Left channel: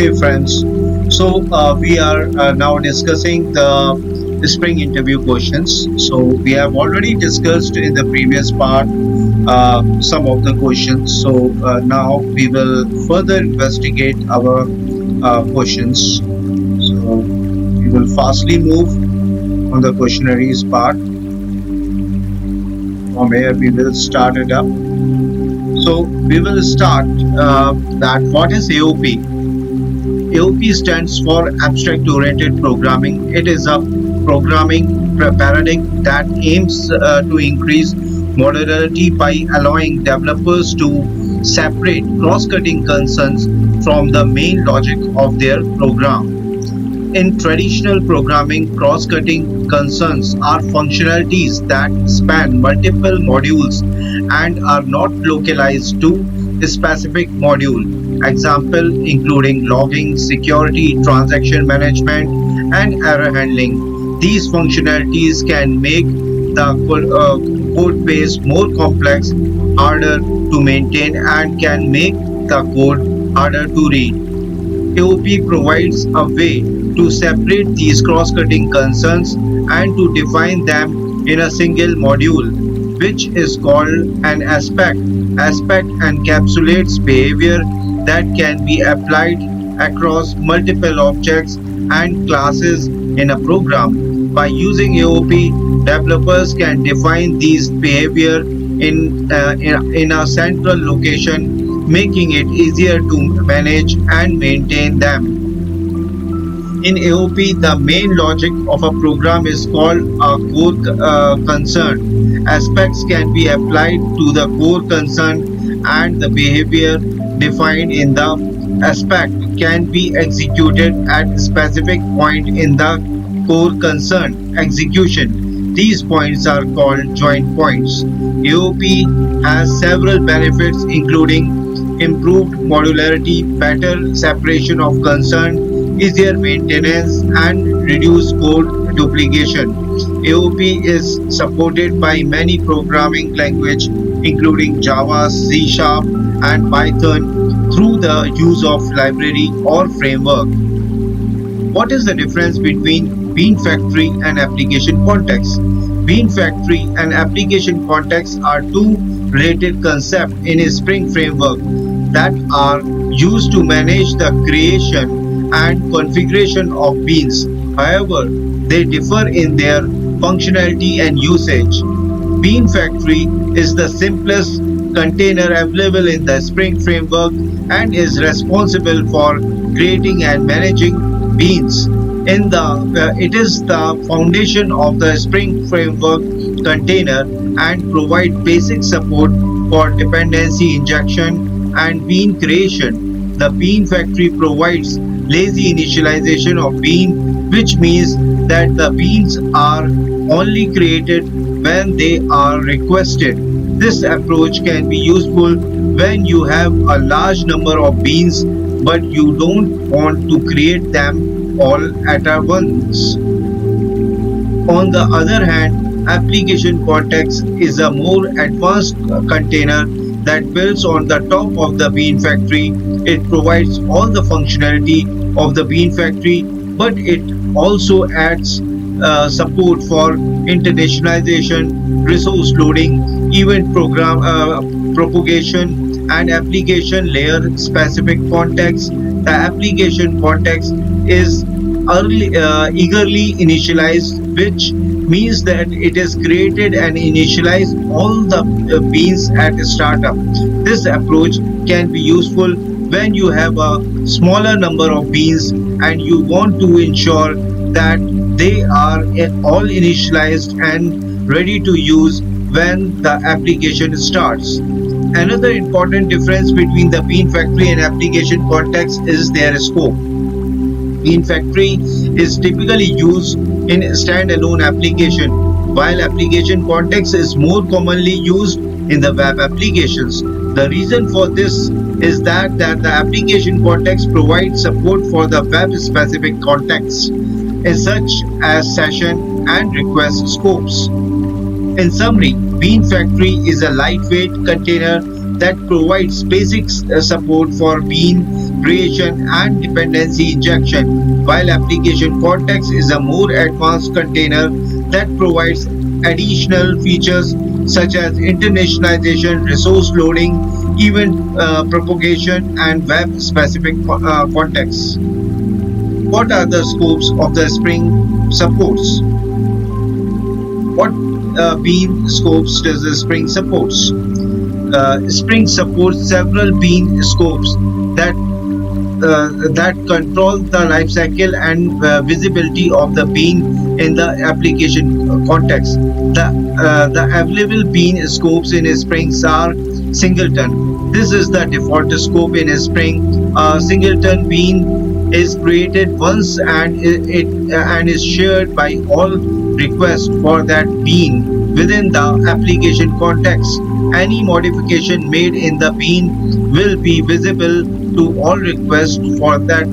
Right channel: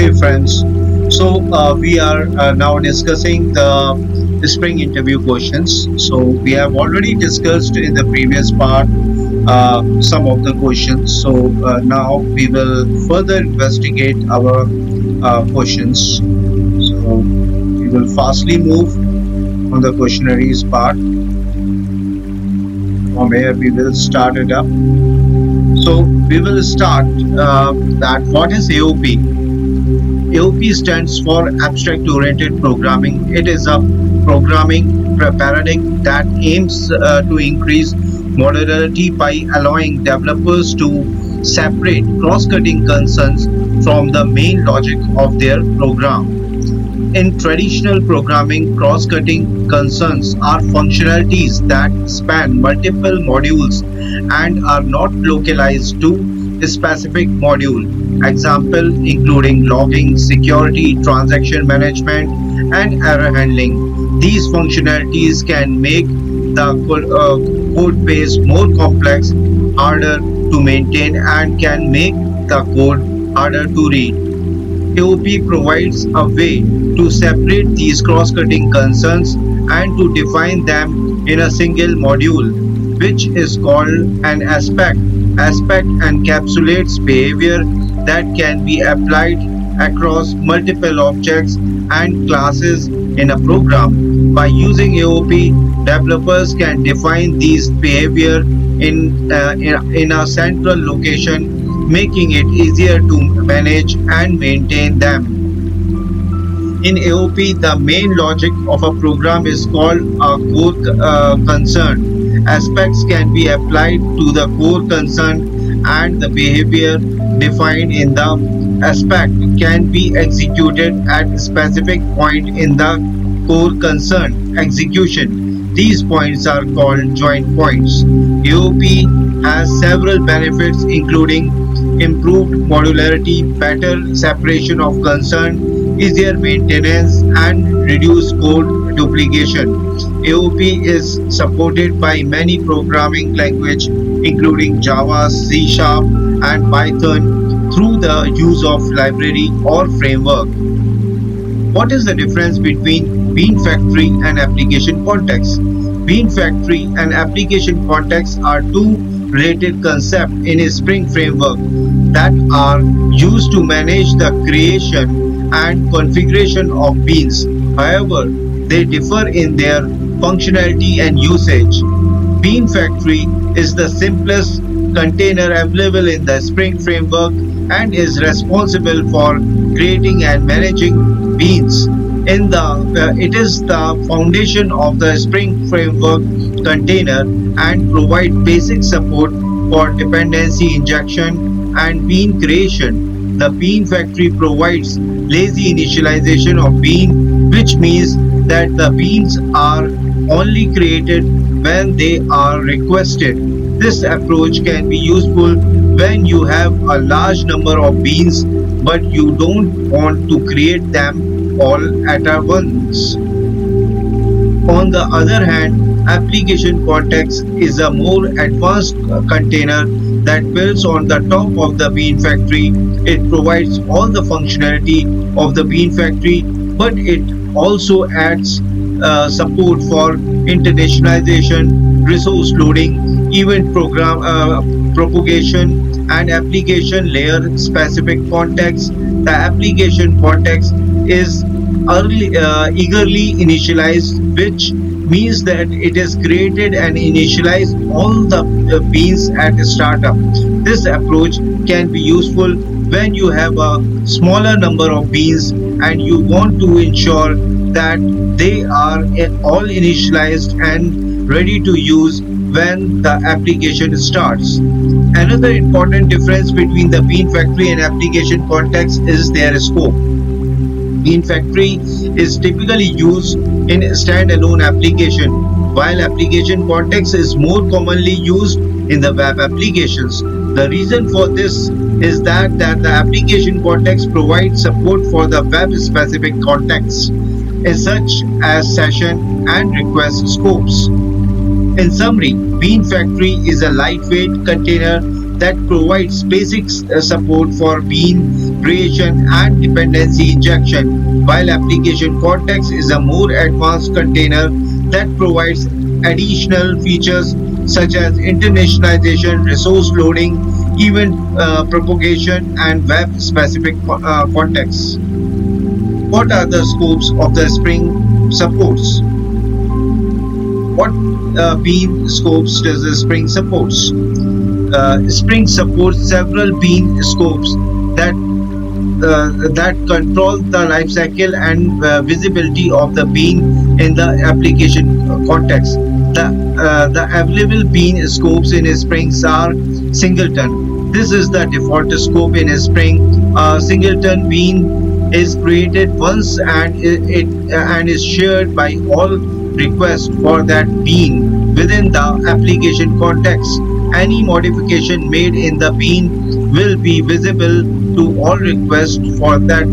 Hey friends, we are now discussing the spring interview questions. So we have already discussed in the previous part some of the questions. Now we will further investigate our questions. So we will fastly move on the questionnaires part. From here we will start it up. So we will start that what is AOP? AOP stands for Abstract Oriented Programming. It is a programming paradigm that aims to increase modularity by allowing developers to separate cross cutting concerns from the main logic of their program. In traditional programming, cross-cutting concerns are functionalities that span multiple modules and are not localized to a specific module. Example including logging, security, transaction management, and error handling. These functionalities can make the code base more complex, harder to maintain, and can make the code harder to read. AOP provides a way to separate these cross-cutting concerns and to define them in a single module, which is called an aspect. Aspect encapsulates behavior that can be applied across multiple objects and classes in a program. By using AOP, developers can define these behavior in a central location, making it easier to manage and maintain them. In AOP, the main logic of a program is called a core concern. Aspects can be applied to the core concern, and the behavior defined in the aspect can be executed at a specific point in the core concern execution. These points are called joint points. AOP has several benefits including improved modularity, better separation of concern, easier maintenance, and reduced code duplication. AOP is supported by many programming languages including Java, C Sharp, and Python through the use of library or framework. What is the difference between Bean Factory and application context? Bean Factory and application context are two related concepts in a Spring framework that are used to manage the creation and configuration of beans. However, they differ in their functionality and usage. Bean Factory is the simplest container available in the Spring framework and is responsible for creating and managing beans. It is the foundation of the Spring framework container and provide basic support for dependency injection and bean creation. The Bean Factory provides lazy initialization of bean, which means that the beans are only created when they are requested. This approach can be useful when you have a large number of beans but you don't want to create them all at once. On the other hand, application context is a more advanced container that builds on the top of the Bean Factory. It provides all the functionality of the Bean Factory, but it also adds support for internationalization, resource loading, event propagation, and application layer specific context. The application context is eagerly initialized, which means that it is created and initialized all the beans at startup. This approach can be useful when you have a smaller number of beans and you want to ensure that they are all initialized and ready to use when the application starts. Another important difference between the Bean Factory and application context is their scope. Bean Factory is typically used in standalone application, while application context is more commonly used in the web applications. The reason for this is that the application context provides support for the web-specific contexts, such as session and request scopes. In summary, Bean Factory is a lightweight container that provides basic support for bean creation and dependency injection, while application context is a more advanced container that provides additional features such as internationalization, resource loading, event propagation, and web-specific contexts. What are the scopes of the Spring supports? What bean scopes does the Spring supports? Spring supports several bean scopes that that control the life cycle and visibility of the bean in the application context. The available bean scopes in Springs are singleton. This is the default scope in Spring. A singleton bean is created once and it and is shared by all requests for that bean within the application context. Any modification made in the bean will be visible to all requests for that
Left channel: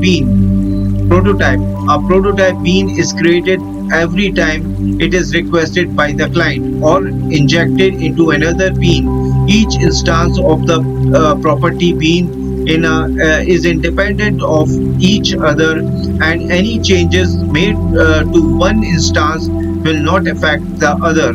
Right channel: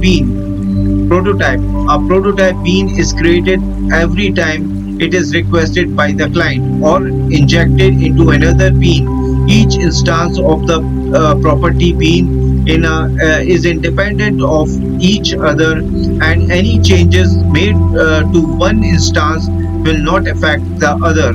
bean. Prototype. A prototype bean is created every time it is requested by the client or injected into another bean. Each instance of the property bean is independent of each other, and any changes made to one instance will not affect the other.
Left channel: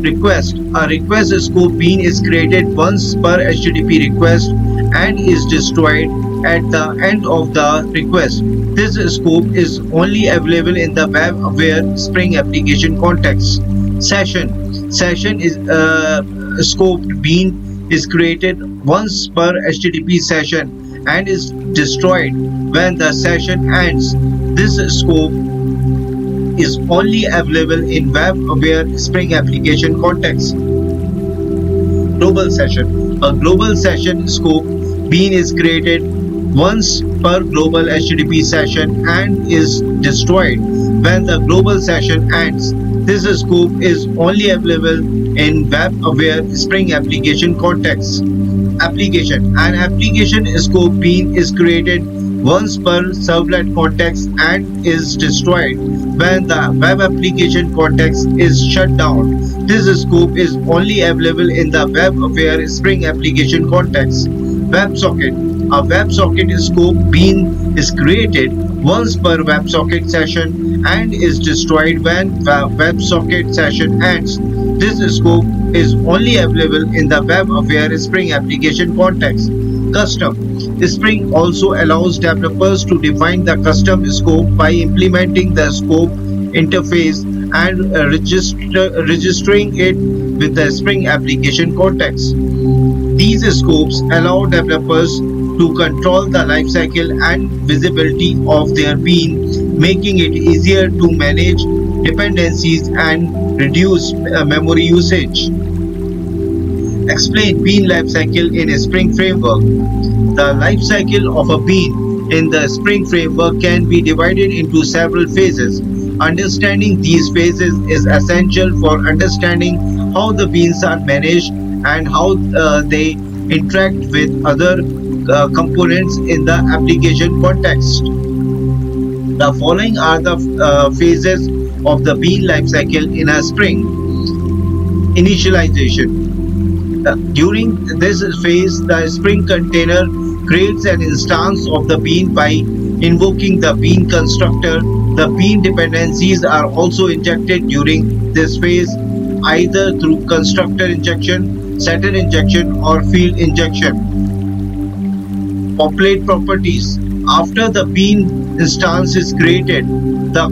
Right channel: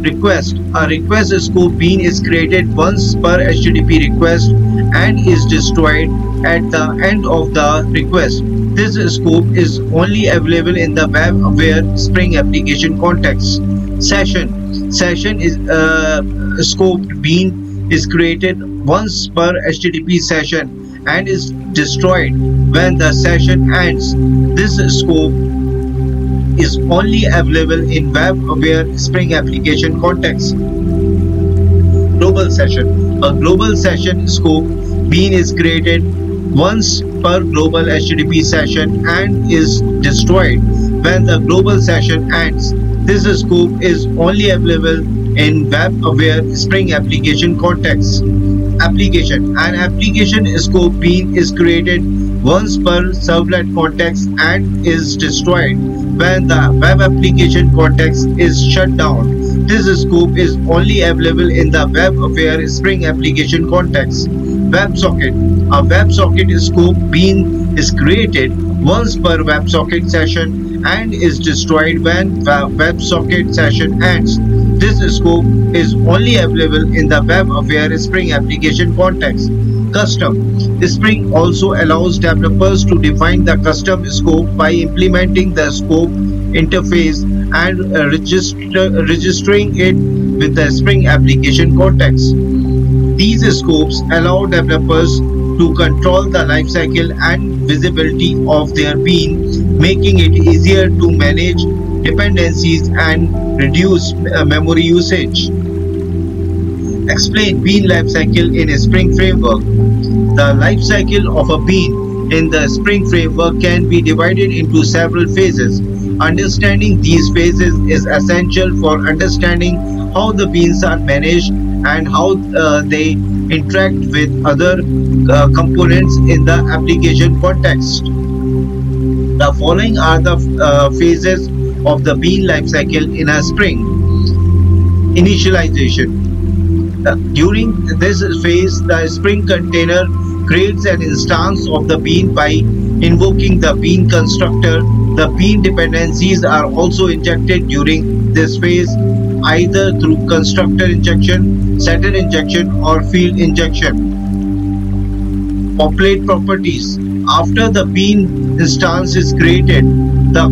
Request. A request scope bean is created once per HTTP request and is destroyed at the end of the request. This scope is only available in the web-aware Spring application context. Session. Session is scoped bean is created once per HTTP session and is destroyed when the session ends. This scope is only available in web-aware Spring application context. Global session. A global session scope bean is created once per global HTTP session and is destroyed when the global session ends. This scope is only available in web-aware Spring application context. Application. An application scope bean is created once per servlet context and is destroyed when the web application context is shut down. This scope is only available in the web-aware Spring application context. WebSocket. A WebSocket scope bean is created once per WebSocket session and is destroyed when the WebSocket session ends. This scope is only available in the web-aware Spring application context. Custom. Spring also allows developers to define the custom scope by implementing the scope interface and registering it with the Spring application context. These scopes allow developers to control the lifecycle and visibility of their bean, making it easier to manage dependencies and reduce memory usage. Explain bean lifecycle in a Spring framework. The lifecycle of a bean in the Spring framework can be divided into several phases. Understanding these phases is essential for understanding how the beans are managed and how they interact with other components in the application context. The following are the phases of the bean lifecycle in a Spring. Initialization. During this phase, the Spring container creates an instance of the bean by invoking the bean constructor. The bean dependencies are also injected during this phase, either through constructor injection, setter injection, or field injection. Populate properties. After the bean instance is created, the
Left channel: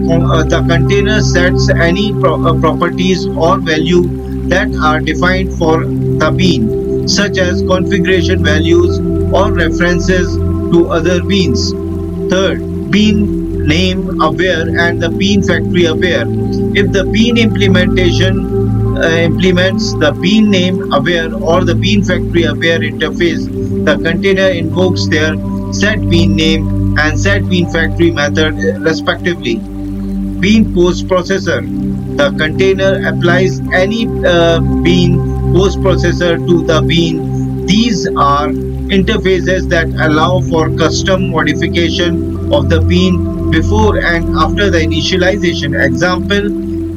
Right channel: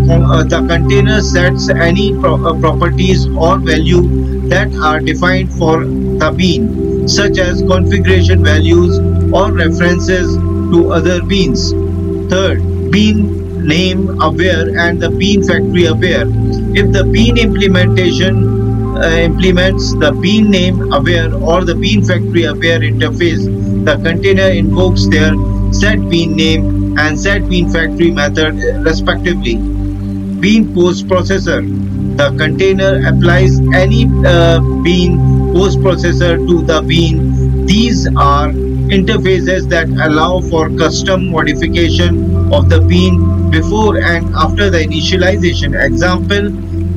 container sets any properties or value that are defined for the bean, such as configuration values or references to other beans. Third, bean name aware and the bean factory aware. If the bean implementation implements the bean name aware or the bean factory aware interface, the container invokes their set bean name and set bean factory method respectively. Bean post processor. The container applies any bean post processor to the bean. These are interfaces that allow for custom modification of the bean before and after the initialization. Example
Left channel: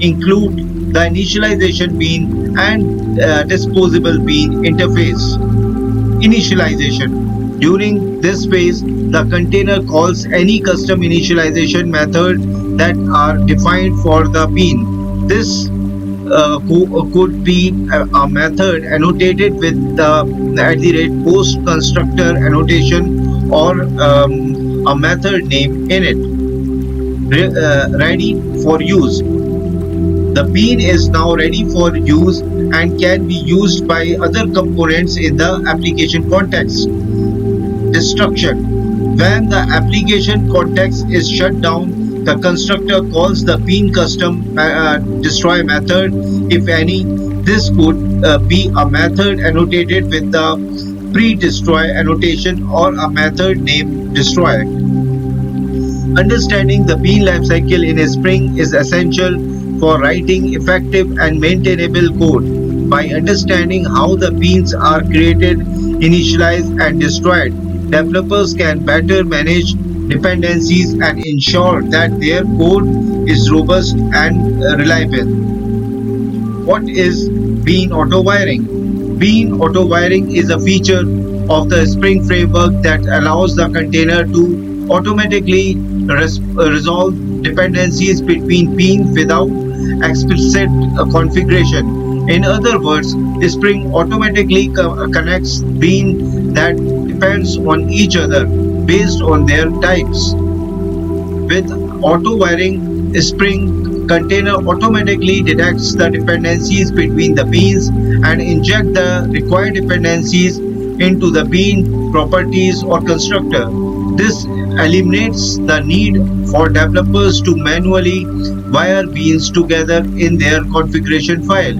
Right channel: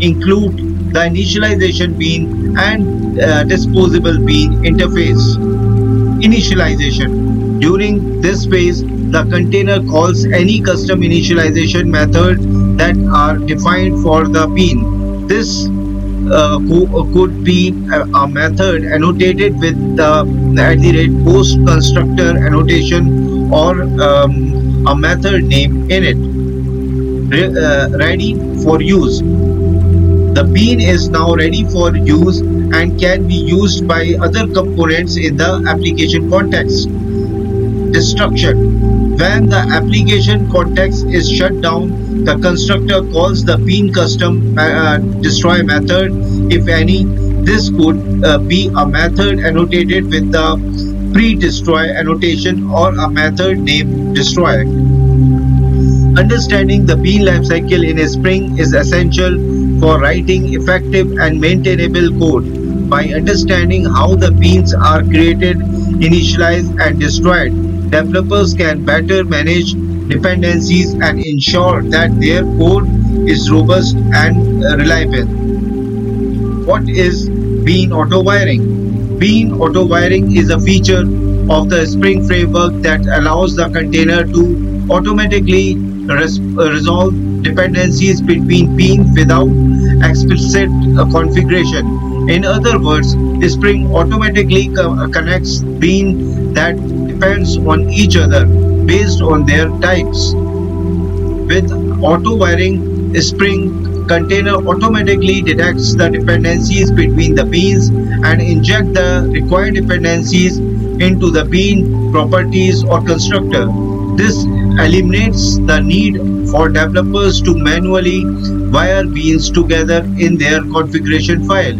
include the initialization bean and disposable bean interface. Initialization. During this phase, the container calls any custom initialization method that are defined for the bean. This could be a method annotated with the at the rate post constructor annotation or a method name in it. Ready for use. The bean is now ready for use and can be used by other components in the application context. Destruction. When the application context is shut down, the constructor calls the bean custom destroy method, if any. This could be a method annotated with the pre-destroy annotation or a method named destroy. Understanding the bean lifecycle in a Spring is essential for writing effective and maintainable code. By understanding how the beans are created, initialized, and destroyed, developers can better manage dependencies and ensure that their code is robust and reliable. What is bean auto wiring? Bean auto wiring is a feature of the Spring framework that allows the container to automatically resolve dependencies between beans without explicit configuration. In other words, Spring automatically connects bean that depends on each other based on their types. With auto wiring, Spring container automatically detects the dependencies between the beans and inject the required dependencies into the bean properties or constructor. This eliminates the need for developers to manually wire beans together in their configuration file.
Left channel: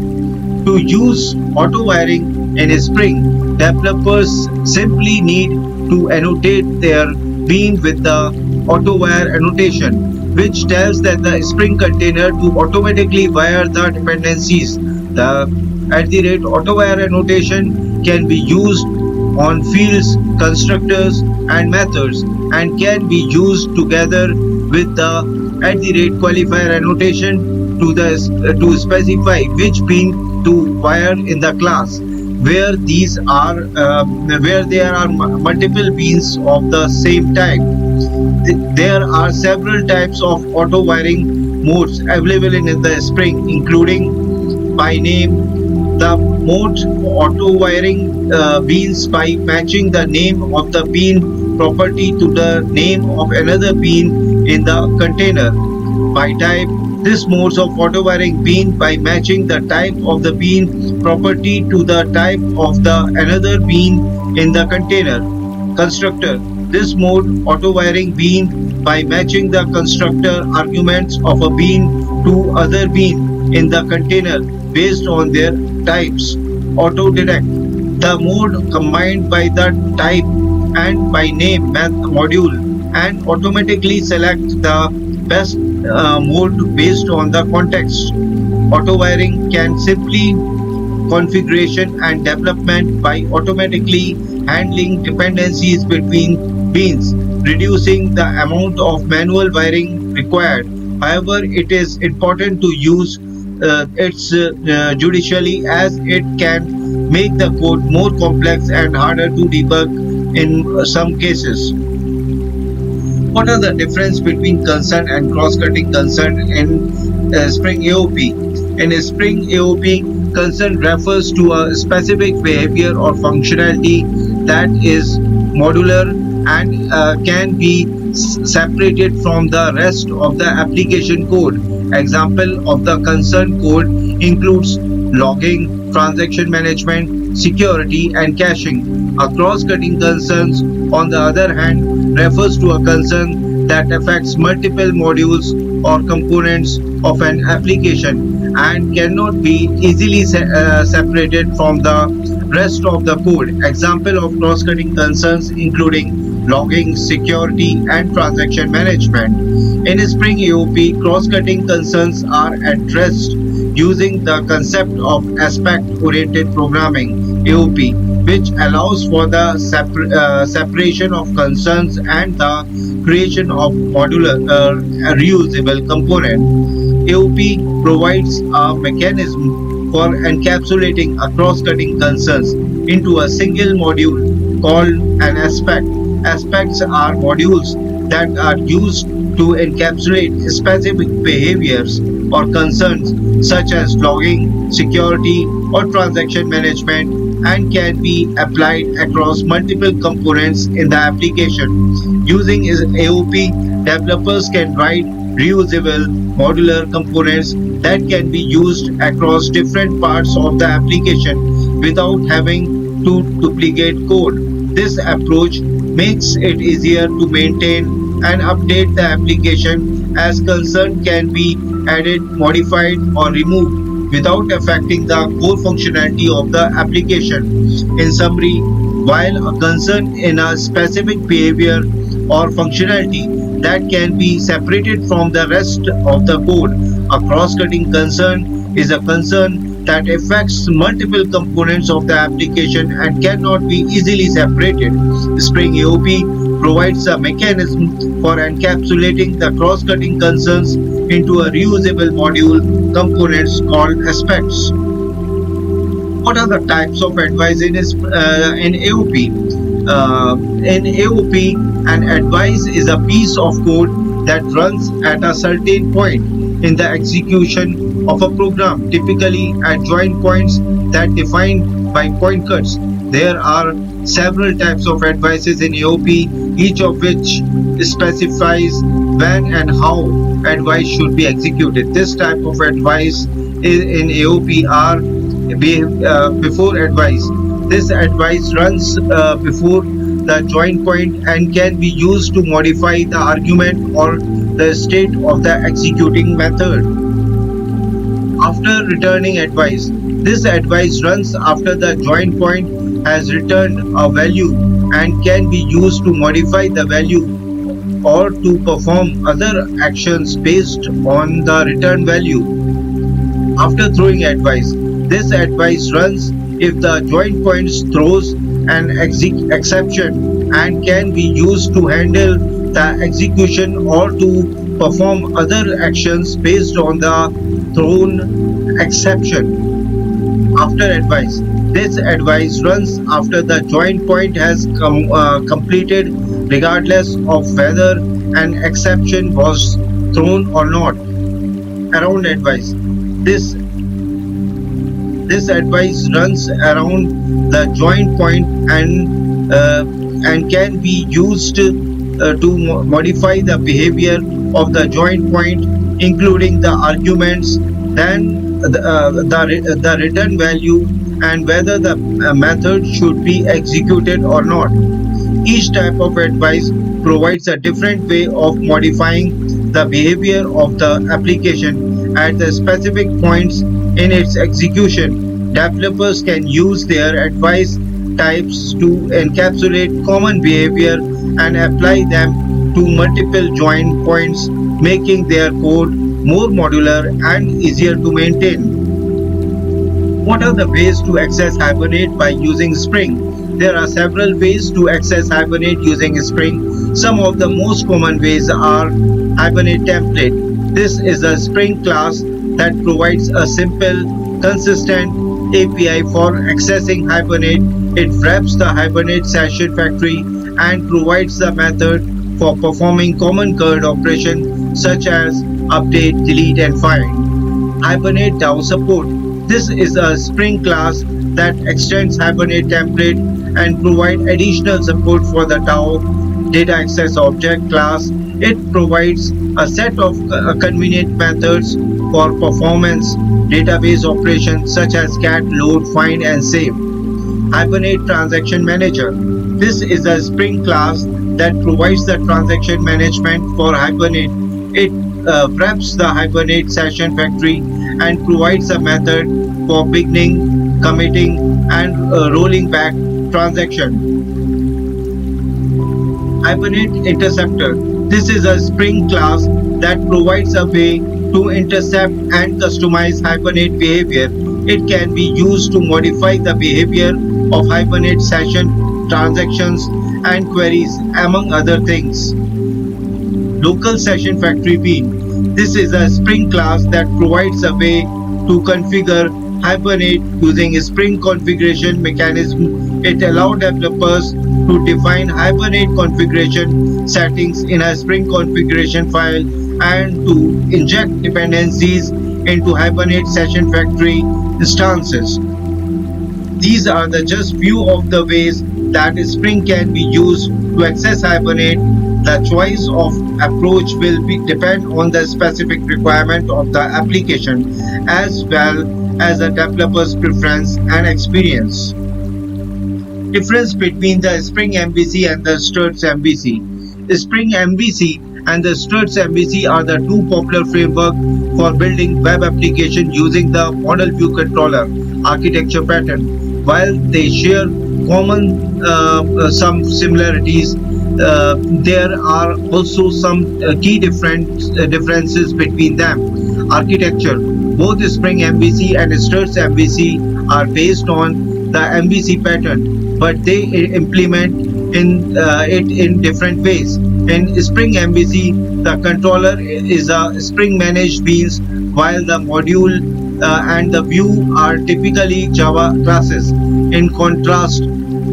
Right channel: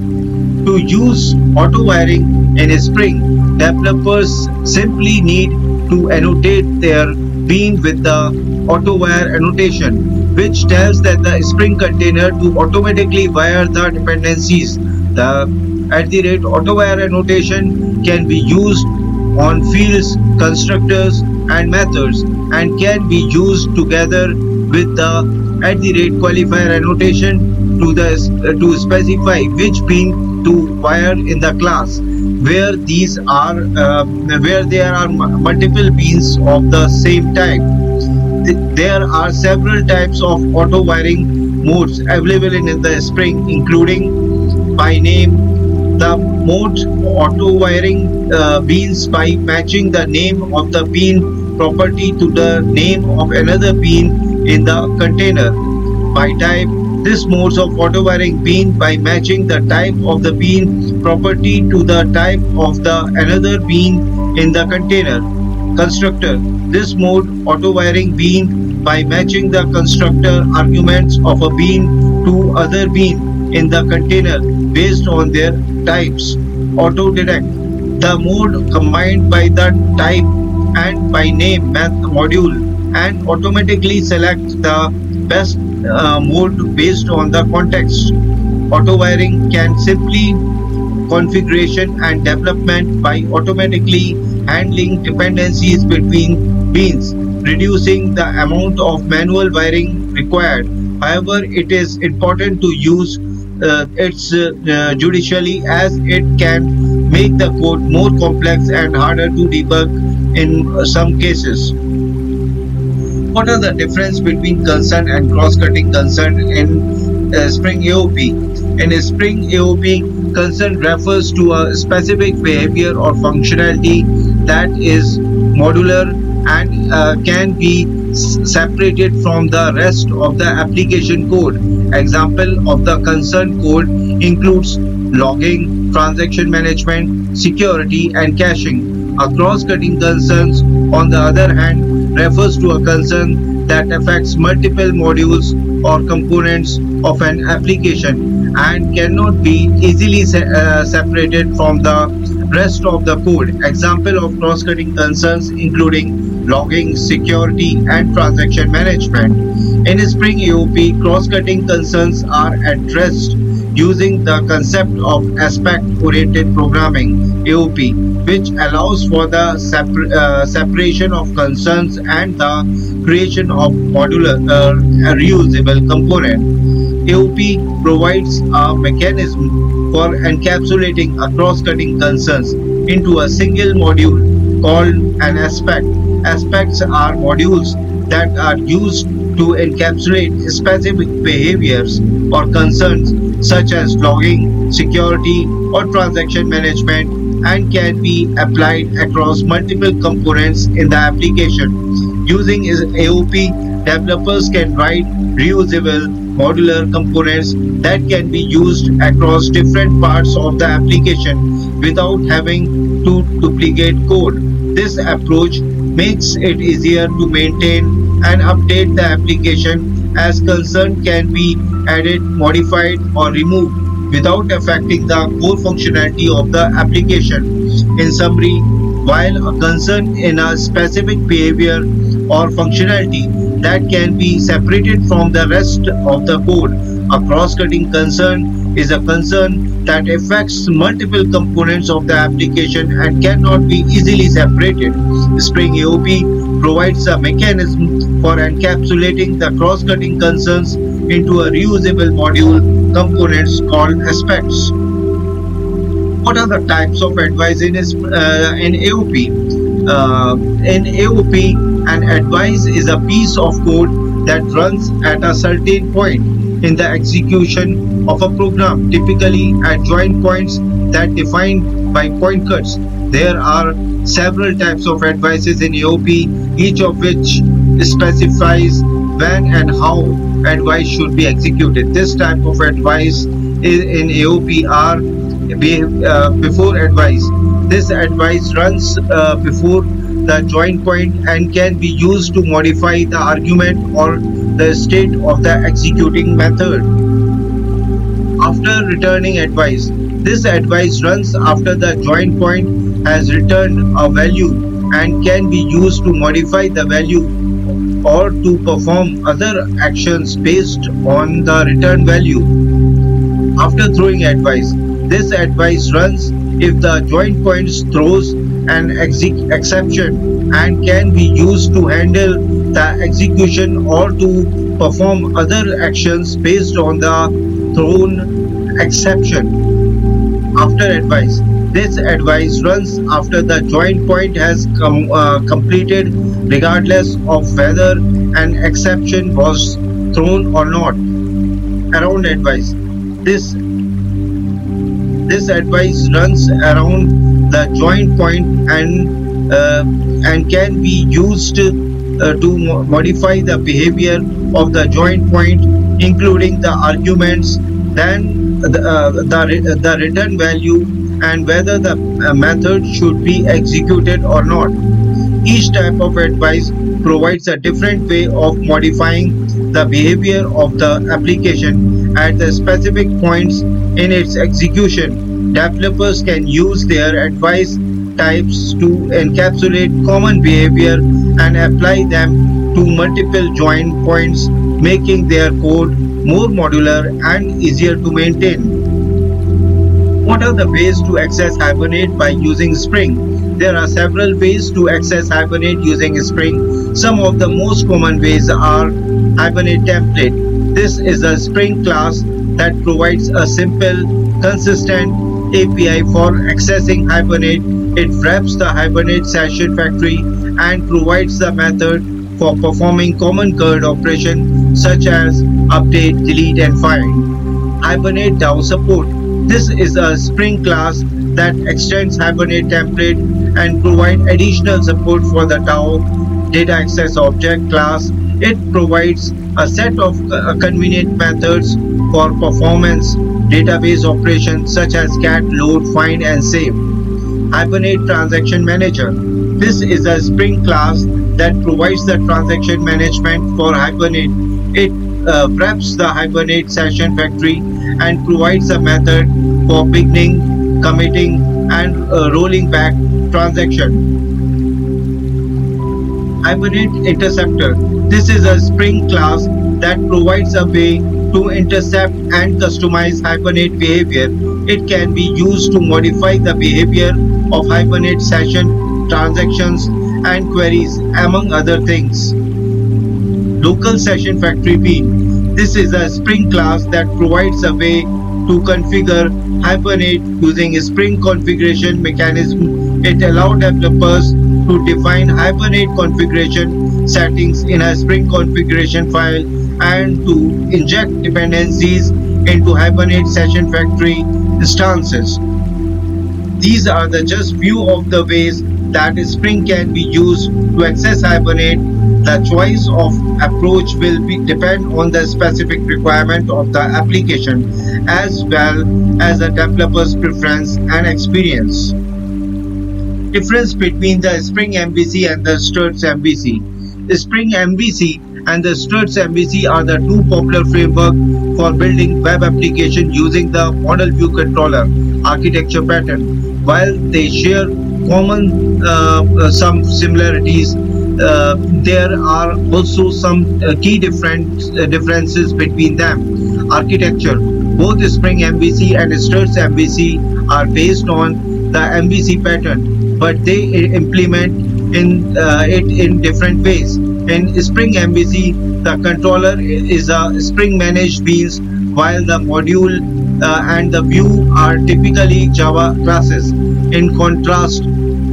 To use auto wiring in Spring, developers simply need to annotate their bean with the AutoWire annotation, which tells that the Spring container to automatically wire the dependencies. The at the rate AutoWire annotation can be used on fields, constructors, and methods, and can be used together with the at the rate qualifier annotation to specify which bean to wire in the class where there are multiple beans of the same type. There are several types of auto wiring modes available in the Spring, including by name. The mode auto wiring beans by matching the name of the bean property to the name of another bean in the container. By type, this modes of auto wiring bean by matching the type of the bean property to the type of the another bean in the container. Constructor. This mode auto wiring bean by matching the constructor arguments of a bean to other bean in the container based on their types. Auto direct. The mode combined by the type and by name module and automatically select the best mode based on the context. Auto wiring can simply configuration and development by automatically handling dependencies between beans, reducing the amount of manual wiring required. However, it is important to use it judicially as it can make the code more complex and harder to debug in some cases. What are the difference between concern and cross-cutting concern in Spring AOP? In Spring AOP, concern refers to a specific behavior or functionality that is modular and can be separated from the rest of the application code. Example of the concern code includes logging, transaction management, security, and caching. A cross-cutting concerns, on the other hand, refers to a concern that affects multiple modules or components of an application and cannot be easily separated from the rest of the code. Example of cross-cutting concerns including logging, security, and transaction management. In Spring AOP, cross-cutting concerns are addressed using the concept of aspect-oriented programming (AOP), which allows for the separation of concerns and the creation of modular reusable component. AOP provides a mechanism for encapsulating a cross-cutting concerns into a single module called an aspect. Aspects are modules that are used to encapsulate specific behaviors or concerns such as logging, security, or transaction management and can be applied across multiple components in the application. Using AOP, developers can write reusable modular components that can be used across different parts of the application without having to duplicate code. This approach makes it easier to maintain and update the application as concern can be added, modified, or removed without affecting the core functionality of the application. In summary, while a concern in a specific behavior or functionality that can be separated from the rest of the code, a cross-cutting concern is a concern that affects multiple components of the application and cannot be easily separated. Spring AOP provides a mechanism for encapsulating the cross-cutting concerns into a reusable module components called aspects. What are the types of advice in AOP? In AOP, an advice is a piece of code that runs at a certain point in the execution of a program, typically at join points that defined by point cuts. There are several types of advices in AOP, each of which specifies when and how advice should be executed. This type of advice in AOP are before advice. This advice runs before the join point and can be used to modify the argument or the state of the executing method. After returning advice, this advice runs after the join point has returned a value and can be used to modify the value or to perform other actions based on the return value. After throwing advice, this advice runs if the join point throws an exception and can be used to handle the execution or to perform other actions based on the thrown exception. After advice, this advice runs after the join point has completed regardless of whether an exception was thrown or not. Around advice. This this advice runs around the join point and can be used to modify the behavior of the join point, including the arguments, then the return value, and whether the method should be executed or not. Each type of advice provides a different way of modifying the behavior of the application at the specific points in its execution. Developers can use their advice types to encapsulate common behavior and apply them to multiple join points, making their code more modular and easier to maintain. What are the ways to access Hibernate by using Spring? There are several ways to access Hibernate using Spring. Some of the most common ways are Hibernate template. This is a Spring class that provides a simple, consistent API for accessing Hibernate. It wraps the Hibernate session factory and provides the method for performing common code operations such as update, delete, and find. Hibernate DAO support. This is a Spring class that extends Hibernate template and provide additional support for the DAO data access object class. It provides a set of convenient methods for performance database operations such as get, load, find, and save. Hibernate Transaction Manager. This is a Spring class that provides the transaction management for Hibernate. It wraps the Hibernate session factory and provides a method for beginning, committing, and rolling back transaction. Hibernate Interceptor. This is a Spring class that provides a way to intercept and customize Hibernate behavior. It can be used to modify the behavior of Hibernate session, transactions, and queries, among other things. Local Session Factory Bean. This is a Spring class that provides a way to configure Hibernate using a Spring configuration mechanism. It allows developers to define Hibernate configuration settings in a Spring configuration file and to inject dependencies into Hibernate session factory instances. These are the just few of the ways that Spring can be used to access Hibernate. The choice of approach will depend on the specific requirement of the application as well as the developer's preference and experience. Difference between the Spring MVC and the Struts MVC. Spring MVC and the Struts MVC are the two popular frameworks for building web application using the model view controller architecture pattern. While they share common some similarities, there are also some differences between them. Architecture. Both Spring MVC and Struts MVC are based on the MVC pattern, but they implement it in different ways. In Spring MVC, the controller is a Spring managed beans, while the module and the view are typically Java classes. In contrast,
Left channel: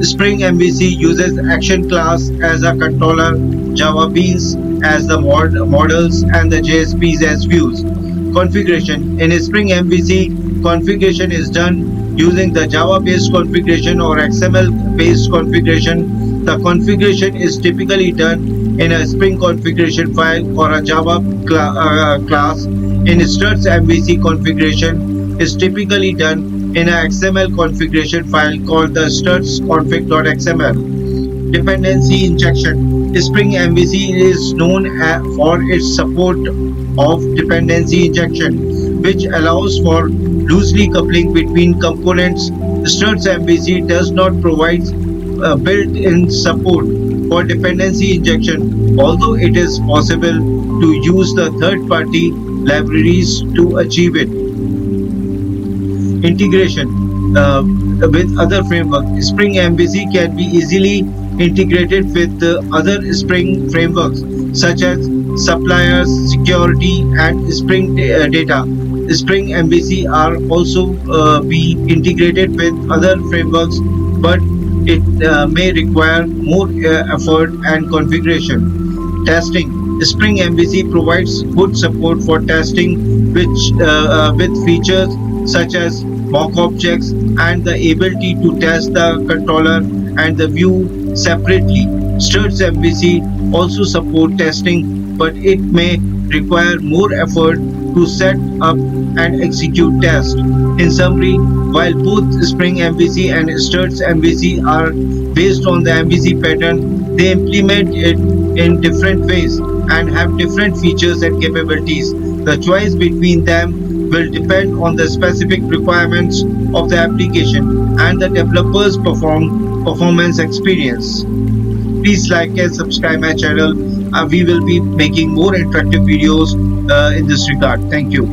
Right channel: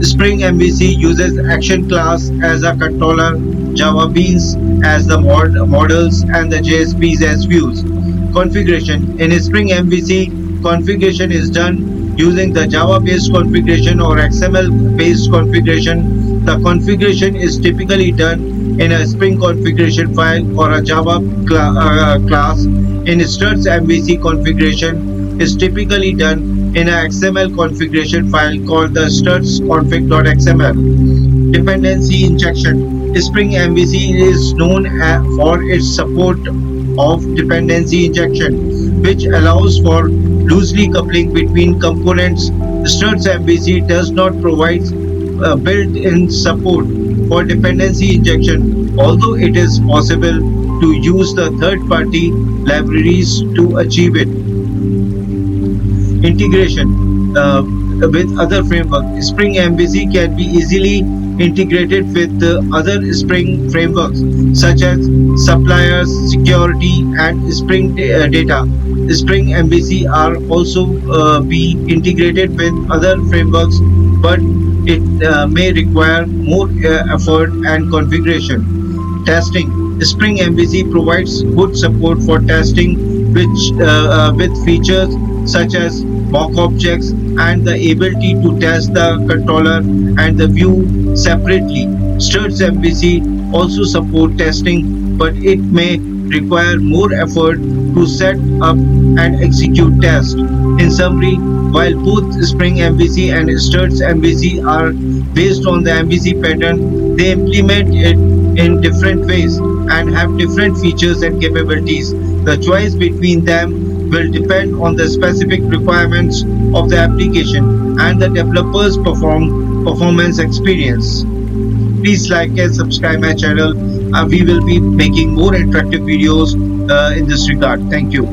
Spring MVC uses action class as a controller, Java beans as the models, and the JSPs as views. Configuration. In Spring MVC, configuration is done using the Java-based configuration or XML-based configuration. The configuration is typically done in a Spring configuration file or a Java class. In Struts MVC, configuration is typically done in an XML configuration file called the strutsconfig.xml. Dependency injection. Spring MVC is known for its support of dependency injection, which allows for loosely coupling between components. Struts MVC does not provide built-in support for dependency injection, although it is possible to use the third-party libraries to achieve it. Integration with other frameworks. Spring MVC can be easily integrated with other Spring frameworks such as suppliers, security, and Spring data. Spring MVC are also be integrated with other frameworks, but it may require more effort and configuration. Testing. Spring MVC provides good support for testing, which with features such as mock objects and the ability to test the controller and the view separately. Struts MVC also support testing, but it may require more effort to set up and execute tests. In summary, while both Spring MVC and Struts MVC are based on the MVC pattern, they implement it in different ways and have different features and capabilities. The choice between them will depend on the specific requirements of the application and the developer's performance experience. Please like and subscribe my channel. We will be making more interactive videos in this regard. Thank you.